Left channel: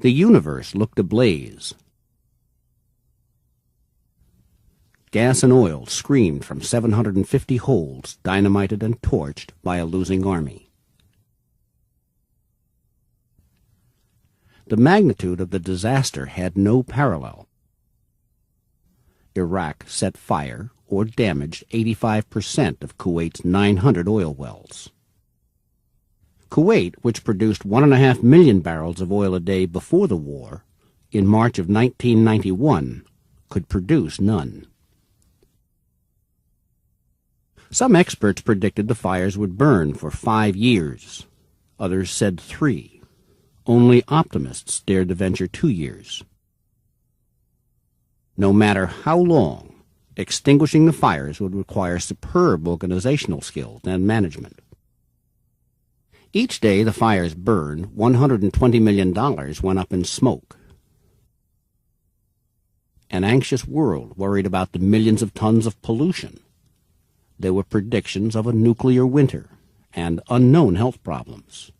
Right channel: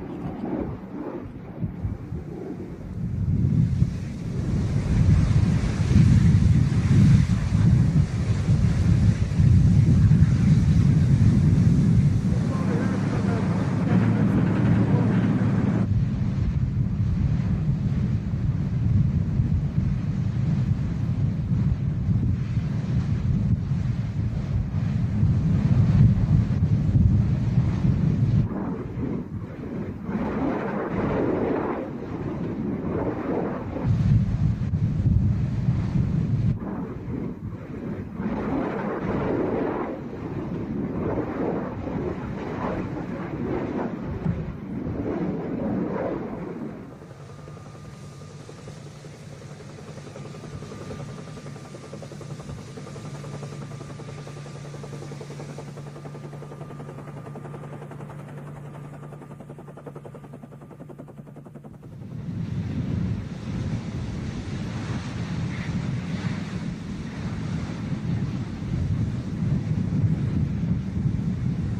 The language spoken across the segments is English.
The universe looked ablaze. Gas and oil screamed from 750 holes, dynamited and torched by a losing army. The magnitude of the disaster had no parallel. Iraq set fire or damaged 85% of Kuwait's 900 oil wells. Kuwait, which produced 1.5 million barrels of oil a day before the war, in March of 1991, could produce none. Some experts predicted the fires would burn for 5 years. Others said 3. Only optimists dared to venture 2 years. No matter how long, extinguishing the fires would require superb organizational skill and management. Each day the fires burned, $120 million went up in smoke. An anxious world worried about the millions of tons of pollution. There were predictions of a nuclear winter and unknown health problems.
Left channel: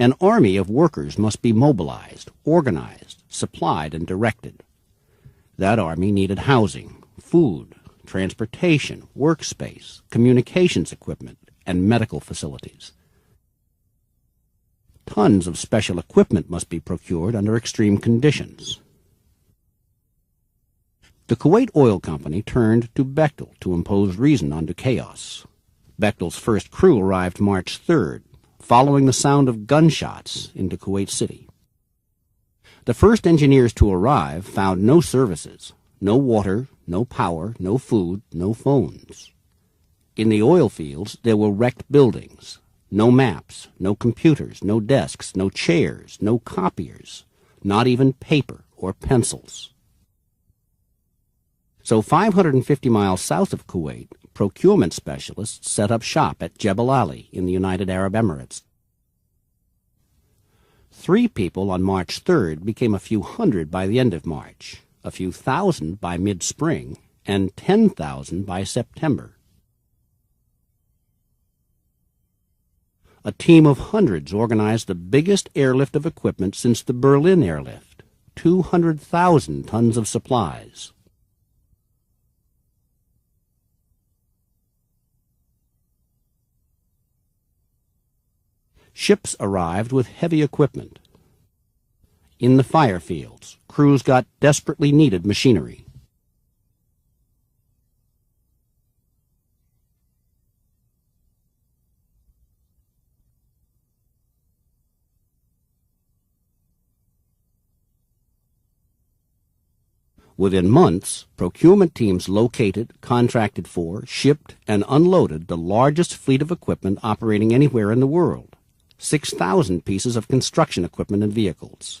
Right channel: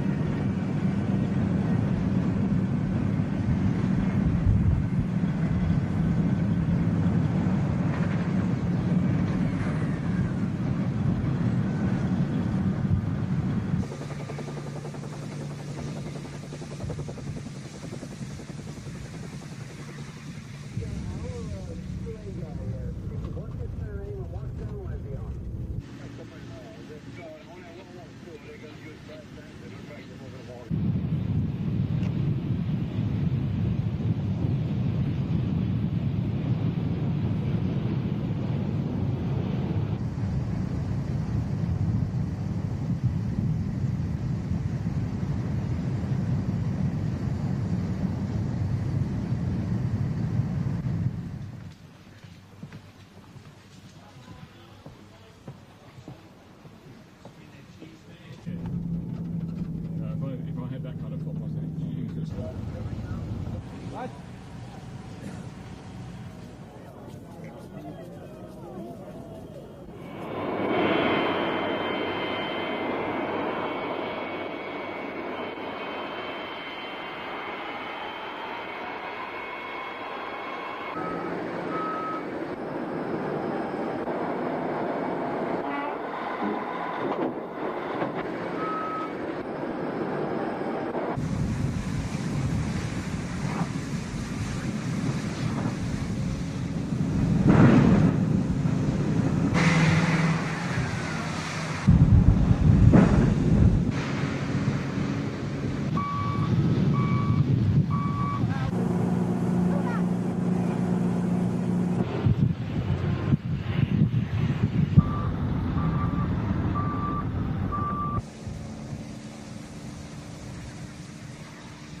An army of workers must be mobilized, organized, supplied, and directed. That army needed housing, food, transportation, workspace, communications equipment, and medical facilities. Tons of special equipment must be procured under extreme conditions. The Kuwait Oil Company turned to Bechtel to impose reason onto chaos. Bechtel's first crew arrived March 3rd, following the sound of gunshots into Kuwait City. The first engineers to arrive found no services, no water, no power, no food, no phones. In the oil fields, there were wrecked buildings, no maps, no computers, no desks, no chairs, no copiers, not even paper or pencils. So 550 miles south of Kuwait, procurement specialists set up shop at Jebel Ali in the United Arab Emirates. 3 people on March 3rd became a few hundred by the end of March, a few thousand by mid-spring, and 10,000 by September. A team of hundreds organized the biggest airlift of equipment since the Berlin airlift, 200,000 tons of supplies. Ships arrived with heavy equipment. In the fire fields, crews got desperately needed machinery. Within months, procurement teams located, contracted for, shipped, and unloaded the largest fleet of equipment operating anywhere in the world. 6,000 pieces of construction equipment and vehicles.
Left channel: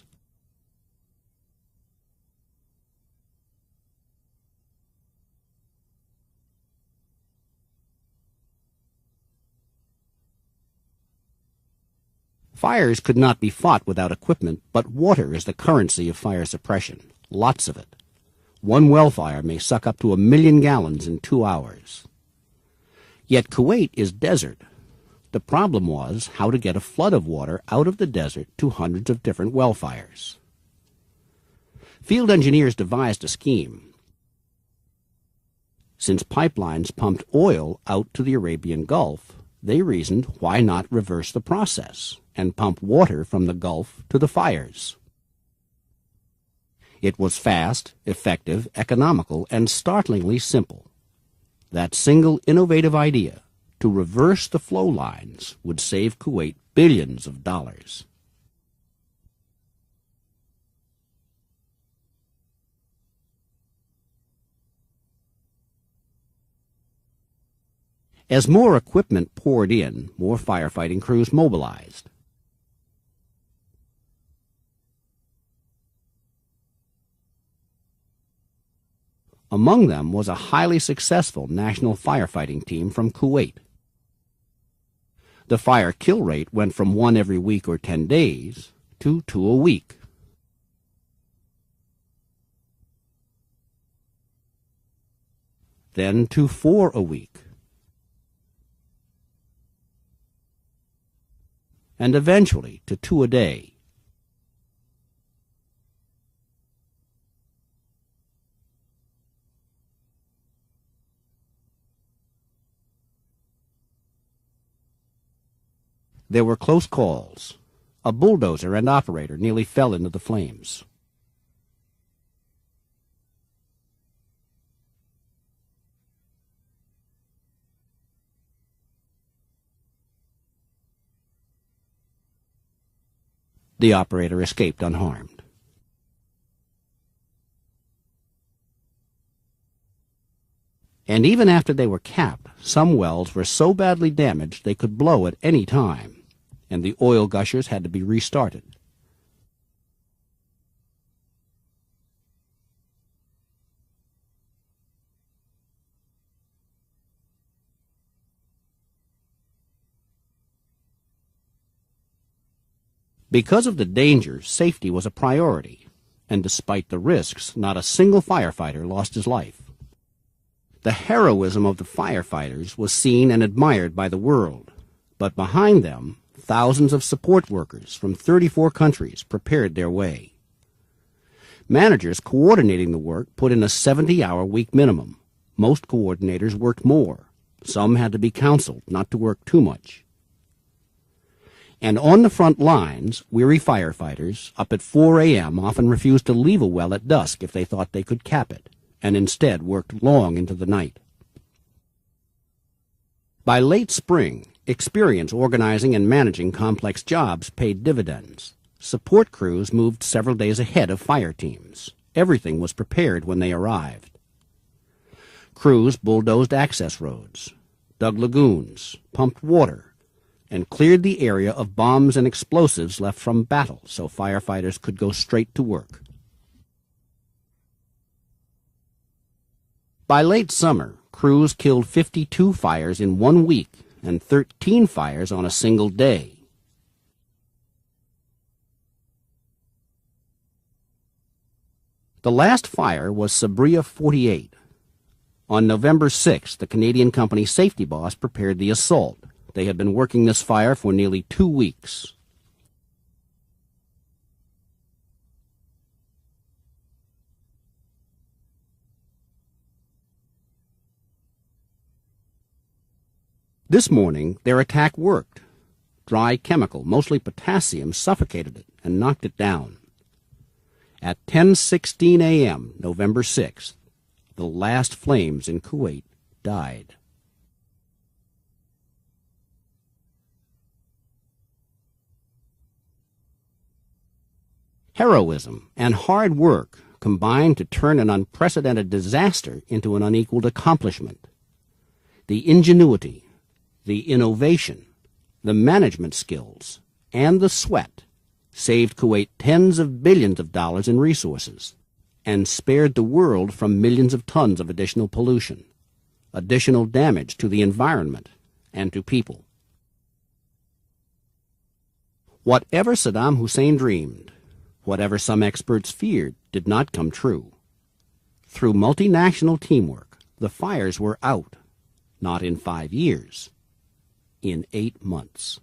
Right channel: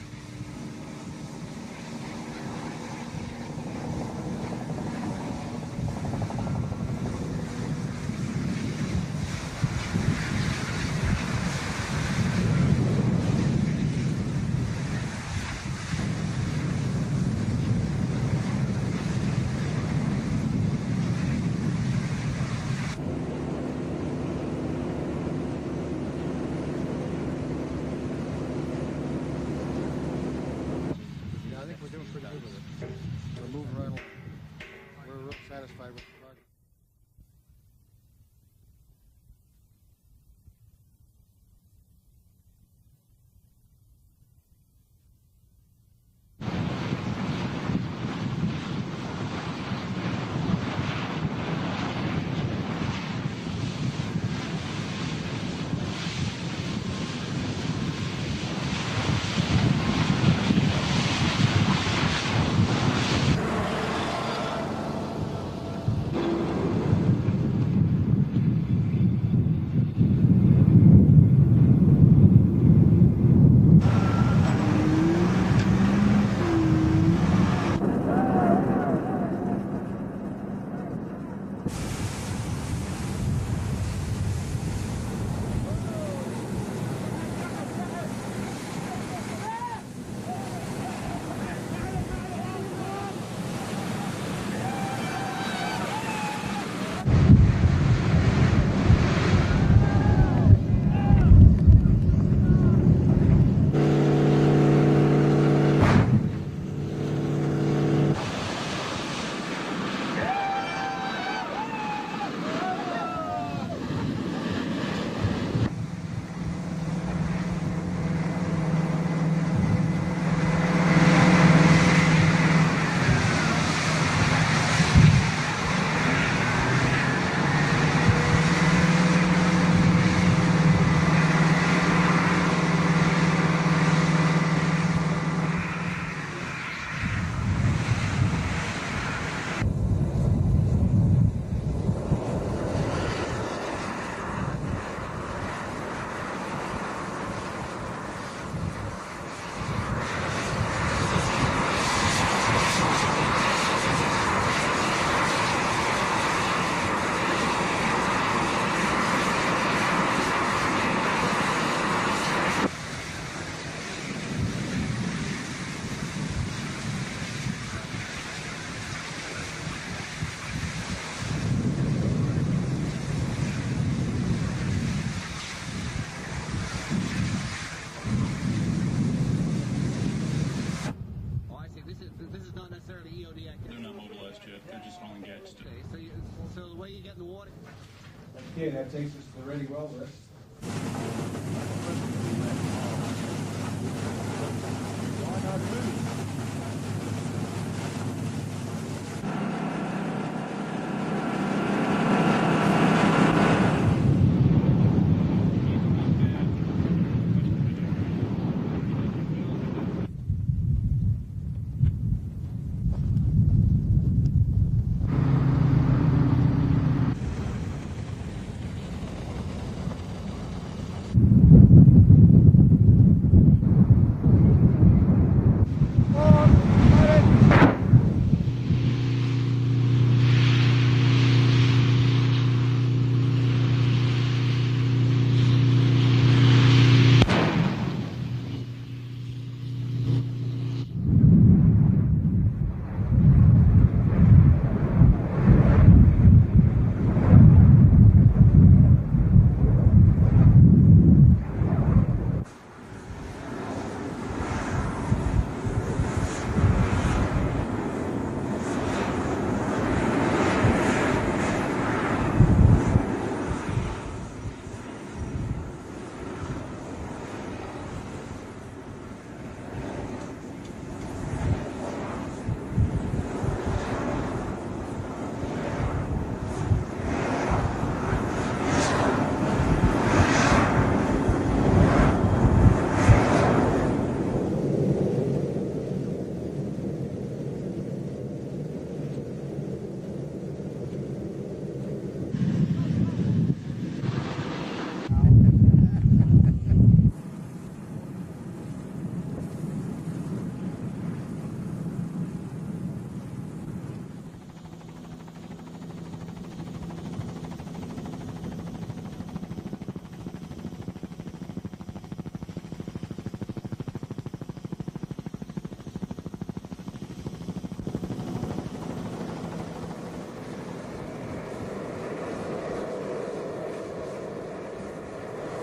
Fires could not be fought without equipment, but water is the currency of fire suppression. Lots of it. One well fire may suck up to 1 million gallons in 2 hours. Yet Kuwait is desert. The problem was how to get a flood of water out of the desert to hundreds of different well fires. Field engineers devised a scheme. Since pipelines pumped oil out to the Arabian Gulf, they reasoned, why not reverse the process and pump water from the Gulf to the fires? It was fast, effective, economical, and startlingly simple. That single innovative idea, to reverse the flow lines, would save Kuwait billions of dollars. As more equipment poured in, more firefighting crews mobilized. Among them was a highly successful national firefighting team from Kuwait. The fire kill rate went from 1 every week or 10 days to 2 a week. Then to 4 a week. And eventually to 2 a day. There were close calls. A bulldozer and operator nearly fell into the flames. The operator escaped unharmed. And even after they were capped, some wells were so badly damaged they could blow at any time, and the oil gushers had to be restarted. Because of the dangers, safety was a priority, and despite the risks, not a single firefighter lost his life. The heroism of the firefighters was seen and admired by the world, but behind them, thousands of support workers from 34 countries prepared their way. Managers coordinating the work put in a 70-hour week minimum. Most coordinators worked more. Some had to be counseled not to work too much. And on the front lines, weary firefighters up at 4 a.m. often refused to leave a well at dusk if they thought they could cap it, and instead worked long into the night. By late spring, experience organizing and managing complex jobs paid dividends. Support crews moved several days ahead of fire teams. Everything was prepared when they arrived. Crews bulldozed access roads, dug lagoons, pumped water, and cleared the area of bombs and explosives left from battle so firefighters could go straight to work. By late summer, crews killed 52 fires in 1 week and 13 fires on a single day. The last fire was Sabria 48. On November 6th, the Canadian company safety boss prepared the assault. They had been working this fire for nearly 2 weeks. This morning, their attack worked. Dry chemical, mostly potassium, suffocated it and knocked it down. At 10:16 a.m., November 6th, the last flames in Kuwait died. Heroism and hard work combined to turn an unprecedented disaster into an unequaled accomplishment. The ingenuity, the innovation, the management skills, and the sweat saved Kuwait tens of billions of dollars in resources and spared the world from millions of tons of additional pollution, additional damage to the environment and to people. Whatever Saddam Hussein dreamed, whatever some experts feared, did not come true. Through multinational teamwork, the fires were out, not in 5 years, in 8 months.